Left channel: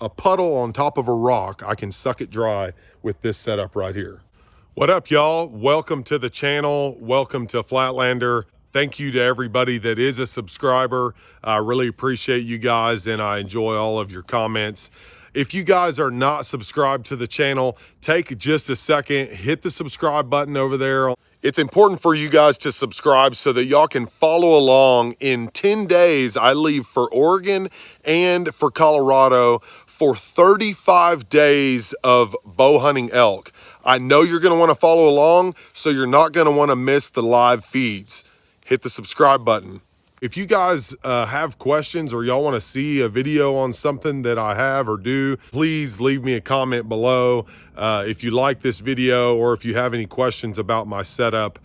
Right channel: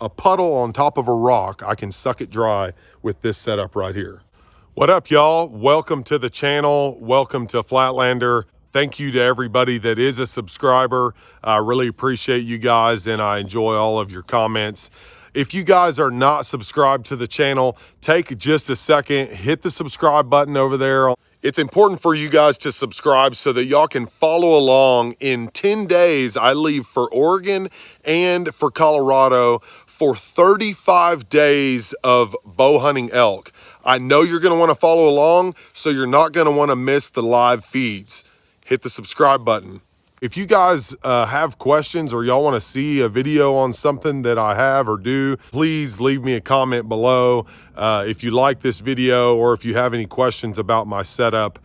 a puddle on top of a rock, I can suck it dry with this setup right here. What up, y'all? Welcome to the channel. Welcome to Flatlander. Thank you to everybody that is a subscriber. I really appreciate you guys and I enjoy all of your comments. If you guys are not subscribed to the channel, take just a second, hit the subscribe button over there. It's important for you guys to subscribe so that y'all can follow along. In 10 days, I leave for Oregon and for Colorado for 35 days of bow hunting elk. I know you're gonna wanna follow along, so you're not gonna wanna miss the live feeds. Hit the subscribe button. If you guys have questions or y'all wanna see a video on something that I have or do, please leave me a comment below. If you like this video or if you have any questions about my setup,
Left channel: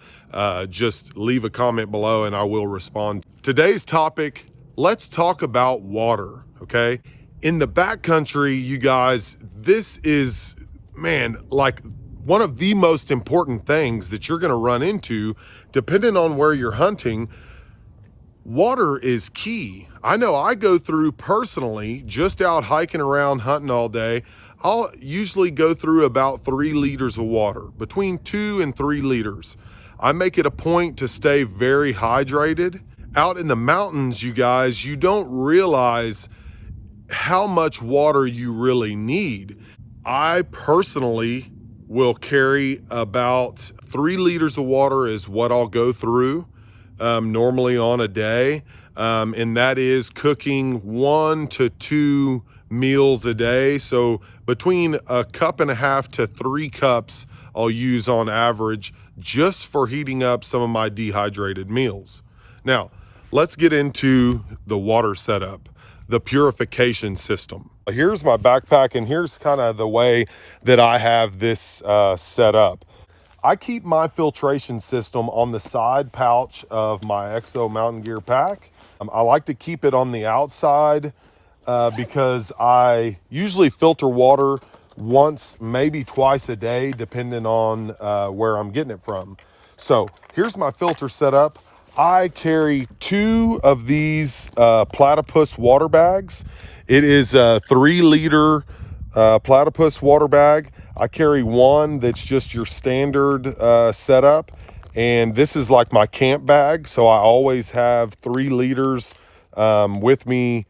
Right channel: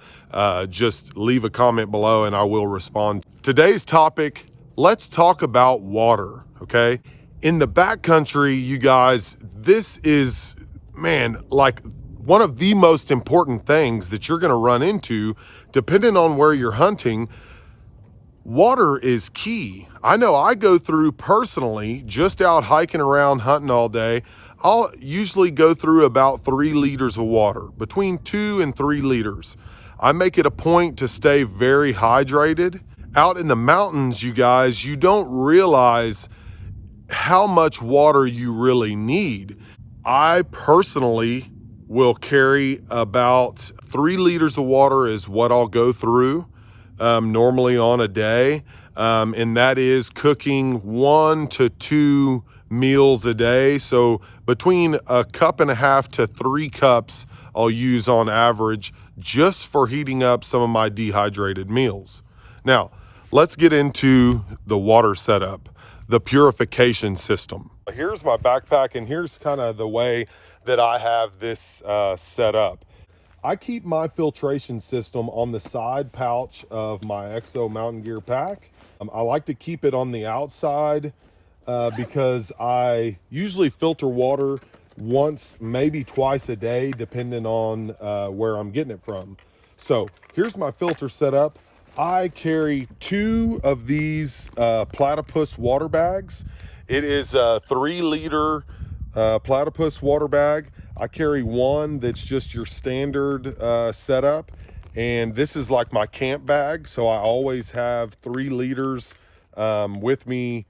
just leave a comment below and I will respond. Today's topic, let's talk about water, okay? In the backcountry, you guys, this is, man, like one of the most important things that you're gonna run into, depending on where you're hunting. Water is key. I know I go through personally, just out hiking around, hunting all day, I'll usually go through about 3 liters of water, between 2 and 3 liters. I make it a point to stay very hydrated. Out in the mountains, you guys, you don't realize how much water you really need. I personally will carry about 3 liters of water is what I'll go through normally on a day. And that is cooking 1 to 2 meals a day. So between a cup and a half to 3 cups I'll use on average just for heating up some of my dehydrated meals. Now, let's get into the water setup, the purification system. Here's my backpack and here's kind of the way that I have this set up. I keep my filtration system on the side pouch of my EXO mountain gear pack. I like to keep it on the outside because I usually filter water once, maybe twice a day, depending on where I'm getting it from. So here's my filter setup. I carry 2 of these Platypus water bags. It is a 3 liter Platypus water bag. I carry one that's just your standard setup, and this is like my camp bag, so I always have 3 liters with me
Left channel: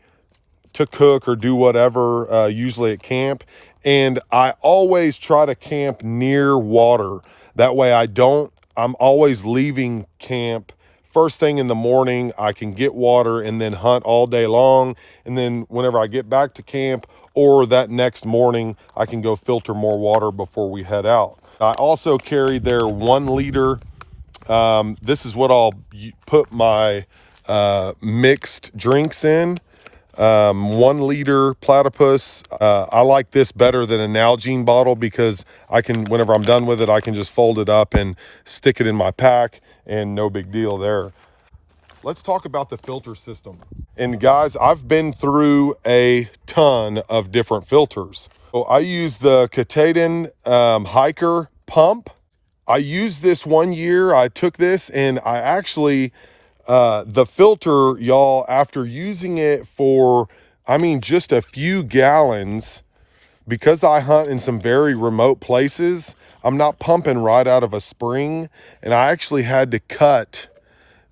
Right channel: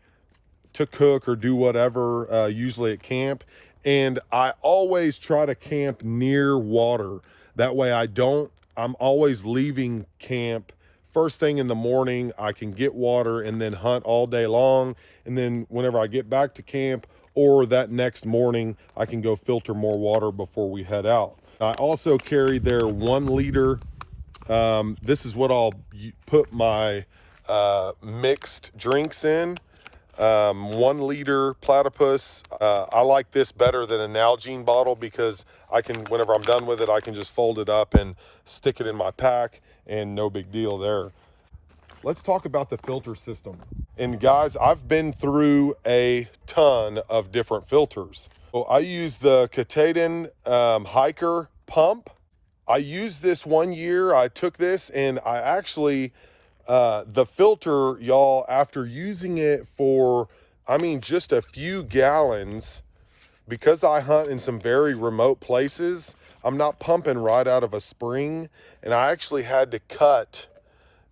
to cook or do whatever, usually at camp. And I always try to camp near water. That way I'm always leaving camp first thing in the morning. I can get water and then hunt all day long. And then whenever I get back to camp or that next morning, I can go filter more water before we head out. I also carry their 1 liter. This is what I'll put my mixed drinks in. 1 liter Platypus. I like this better than a Nalgene bottle because I can, whenever I'm done with it, I can just fold it up and stick it in my pack and no big deal there. Let's talk about the filter system. And guys, I've been through a ton of different filters. So I use the Katahdin Hiker pump. I used this 1 year. I took this and I actually, the filter, y'all, after using it for, I mean, just a few gallons, because I hunt in some very remote places, I'm not pumping right out of a spring. And I actually had to cut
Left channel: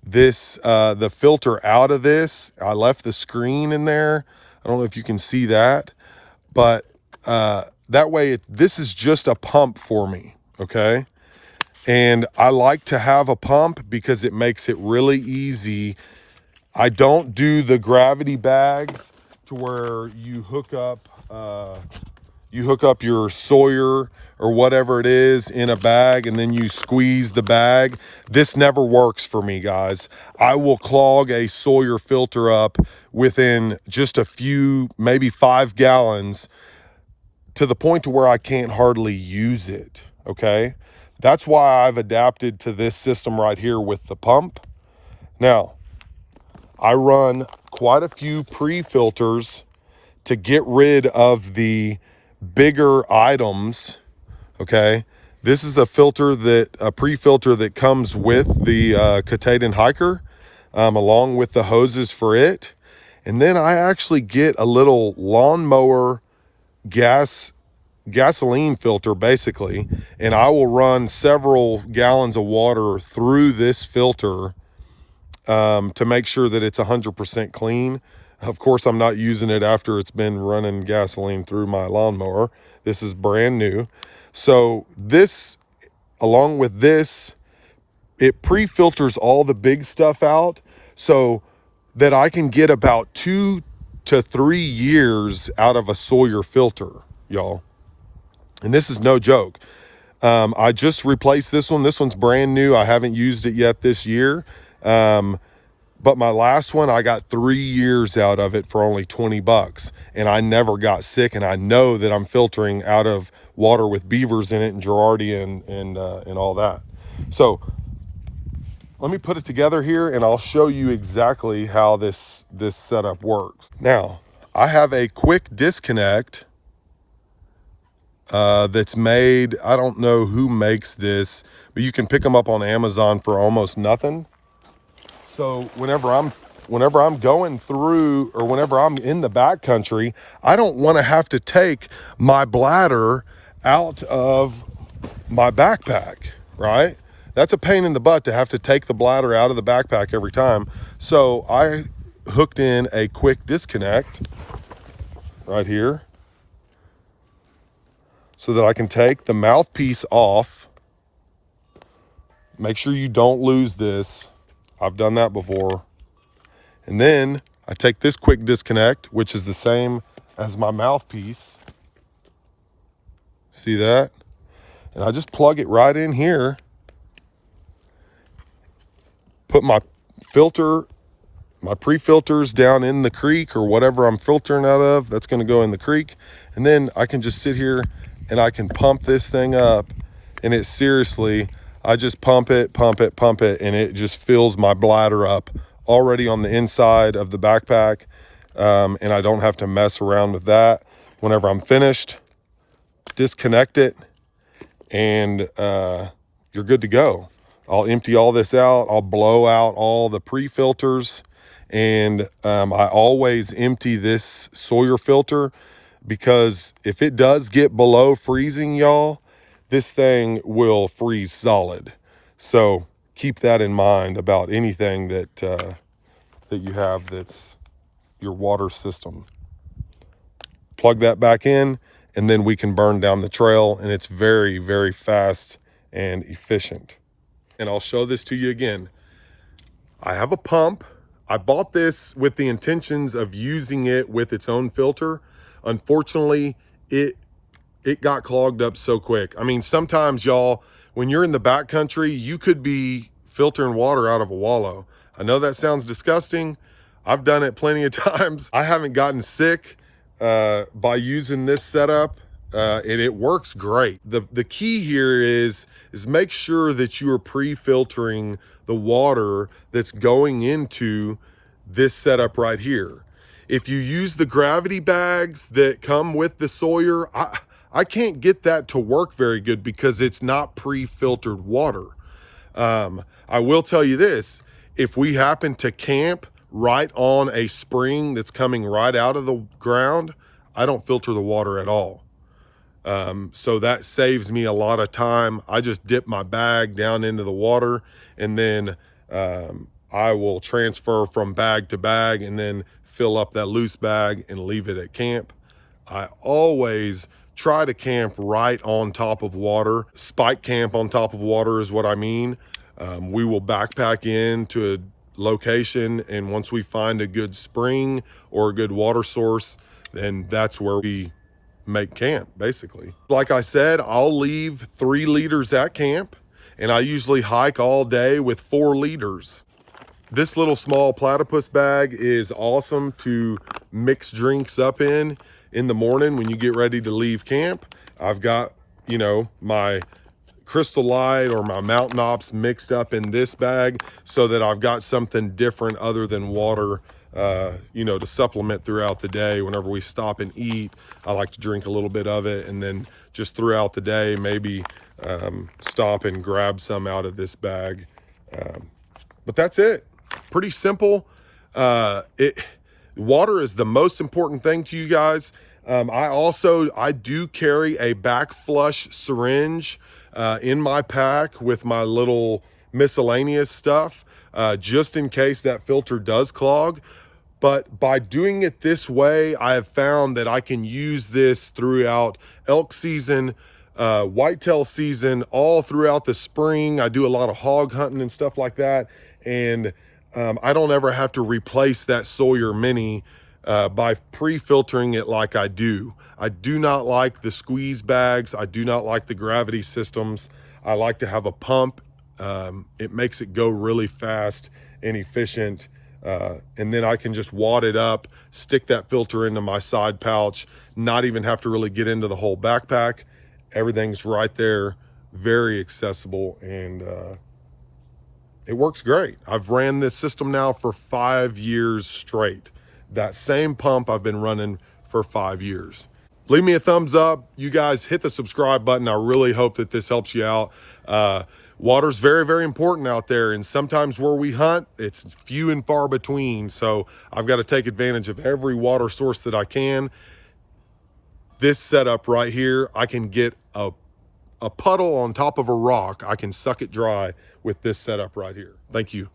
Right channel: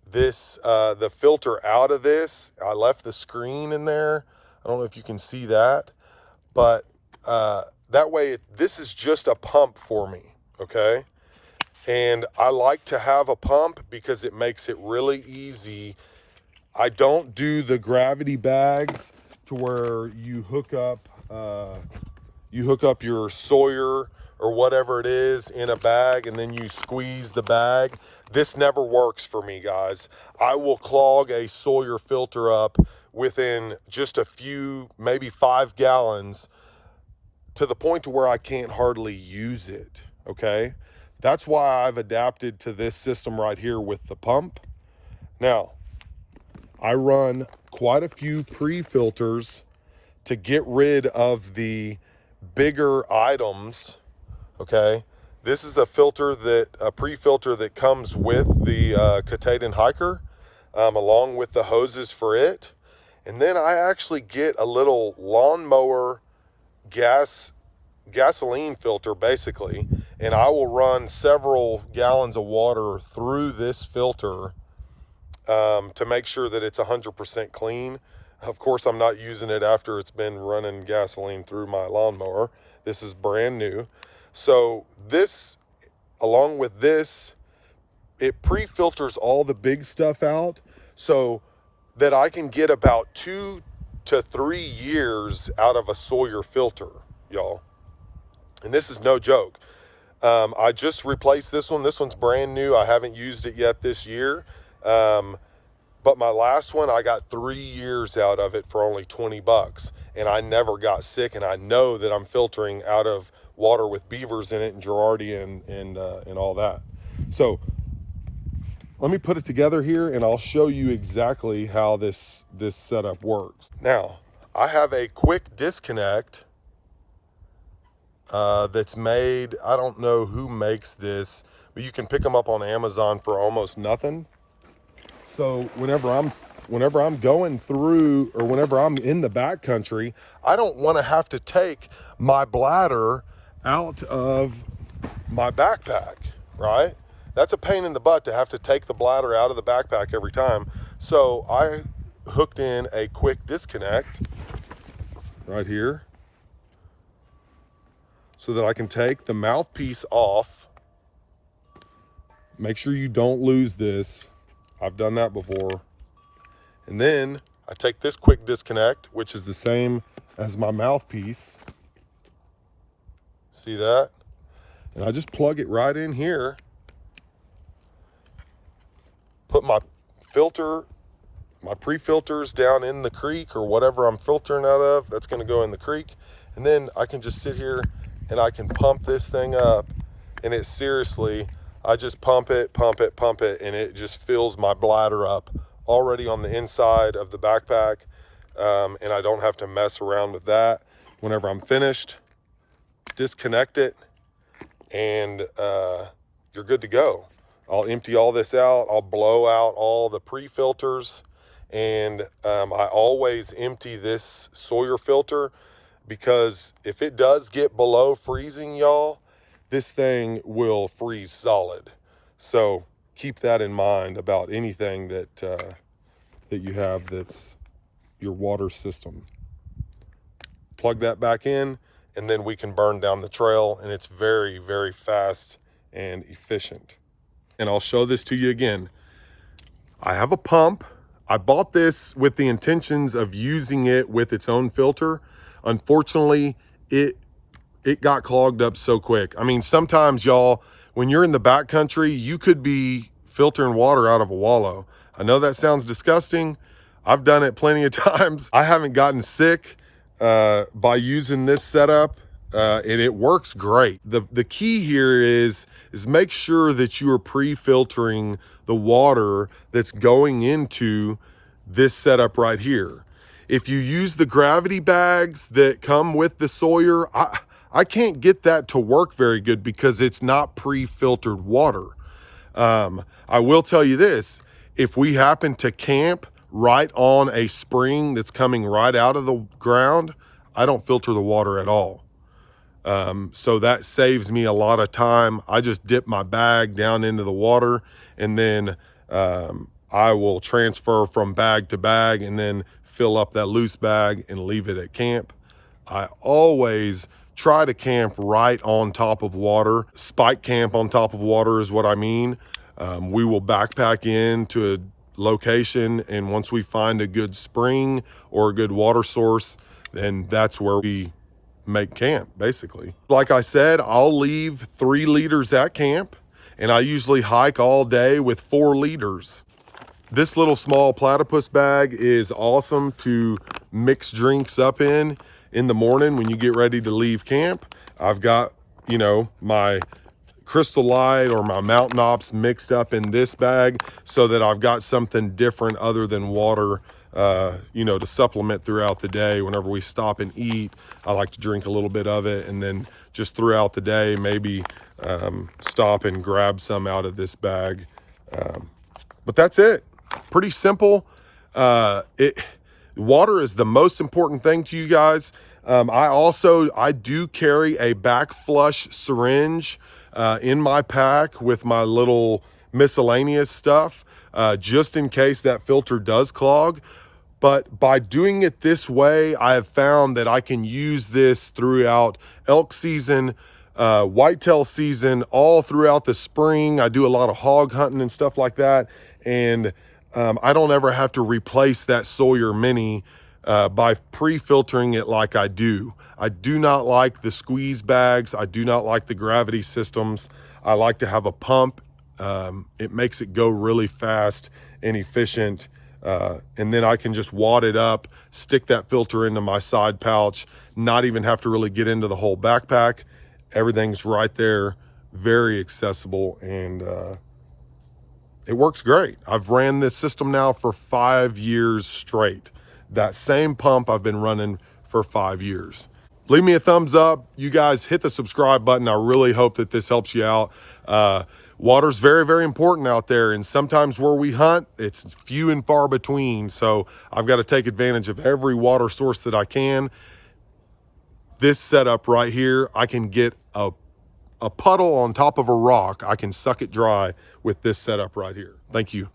this, the filter out of this. I left the screen in there. I don't know if you can see that, but that way, this is just a pump for me, okay? And I like to have a pump because it makes it really easy. I don't do the gravity bags to where you hook up your Sawyer or whatever it is in a bag and then you squeeze the bag. This never works for me, guys. I will clog a Sawyer filter up within just a few, maybe 5 gallons, to the point to where I can't hardly use it, okay? That's why I've adapted to this system right here with the pump. Now, I run quite a few pre-filters to get rid of the bigger items, okay? This is a pre-filter that comes with the Katahdin Hiker, along with the hoses for it. And then I actually get a little lawnmower gasoline filter basically, and I will run several gallons of water through this filter to make sure that it's 100% clean. Of course, I'm not using it after it's been running gasoline through my lawnmower. This is brand new. So this, along with this, it pre-filters all the big stuff out so that I can get about 2 to 3 years out of a Sawyer filter, y'all. And this is no joke. I just replaced this one. This one's brand new. I haven't used it yet this year. But my last one, I got 3 years out of it for only 20 bucks. And I never got sick. And I know that I'm filtering out of water with beavers in it and Girardia and all that. So let me put it together here and I'll show you exactly how this setup works. Now, I have a quick disconnect that's made. I don't know who makes this, but you can pick them up on Amazon for almost nothing. So whenever I'm going through, or whenever I'm in the backcountry, I don't want to have to take my bladder out of my backpack, right? That's a pain in the butt to have to take the bladder out of the backpack every time. So I hooked in a quick disconnect right here so that I can take the mouthpiece off. Make sure you don't lose this. I've done that before. And then I take this quick disconnect, which is the same as my mouthpiece. See that? And I just plug it right in here. Put my filter, my pre-filters down in the creek or whatever I'm filtering out of. That's going to go in the creek. And then I can just sit here and I can pump this thing up. And it seriously, I just pump it, and it just fills my bladder up already on the inside of the backpack. And I don't have to mess around with that. Whenever I'm finished, disconnect it, and you're good to go. I'll empty all this out. I'll blow out all the pre-filters, and I always empty this Sawyer filter, because if it does get below freezing, y'all, this thing will freeze solid. So keep that in mind about anything that that you have that's your water system. Plug that back in, and then we can burn down the trail, and it's very, very fast and efficient. And I'll show this to you again. I have a pump. I bought this with the intentions of using it with its own filter. Unfortunately, it got clogged up so quick. I mean, sometimes, y'all, when you're in the backcountry, you could be filtering water out of a wallow. I know that sounds disgusting. I've done it plenty of times. I haven't gotten sick by using this setup, and it works great. The key here is make sure that you are pre-filtering the water that's going into this setup right here. If you use the gravity bags that come with the Sawyer, I can't get that to work very good because it's not pre-filtered water. I will tell you this, if we happen to camp right on a spring that's coming right out of the ground, I don't filter the water at all. So that saves me a lot of time. I just dip my bag down into the water, and then I will transfer from bag to bag and then fill up that loose bag and leave it at camp. I always try to camp right on top of water. Spike camp on top of water is what I mean. We will backpack into a location, and once we find a good spring or a good water source, then that's where we make camp, basically. Like I said, I'll leave 3 liters at camp, and I usually hike all day with 4 liters. This little small Platypus bag is awesome to mix drinks up in the morning when you get ready to leave camp. I've got, you know, my Crystal Light or my Mountain Ops mixed up in this bag so that I've got something different other than water, you know, to supplement throughout the day. Whenever we stop and eat, I like to drink a little bit of it, and then just throughout the day, maybe stop and grab some out of this bag. But that's it. Pretty simple. Water is the most important thing to you guys. I do carry a back flush syringe in my pack with my little miscellaneous stuff, just in case that filter does clog. But by doing it this way, I have found that I can use this throughout elk season, whitetail season, all throughout the spring. I do a lot of hog hunting and stuff like that. And I don't ever have to replace that Sawyer Mini by pre-filtering it like I do. I do not like the squeeze bags. I do not like the gravity systems. I like to have a pump. It makes it go really fast and efficient. And then I can just wad it up, stick that filter into my side pouch, not even have to really get into the whole backpack. Everything's right there, very accessible, and it works great. I've ran this system now for 5 years straight. That same pump I've been running for 5 years. Leave me a thumbs up. You guys hit the subscribe button. I really hope that this helps you out. Water's very, very important out there, and sometimes where we hunt, it's few and far between. So I've got to take advantage of every water source that I can. This setup right here, I can get a puddle on top of a rock. I can suck it dry with this setup right here. Thank you.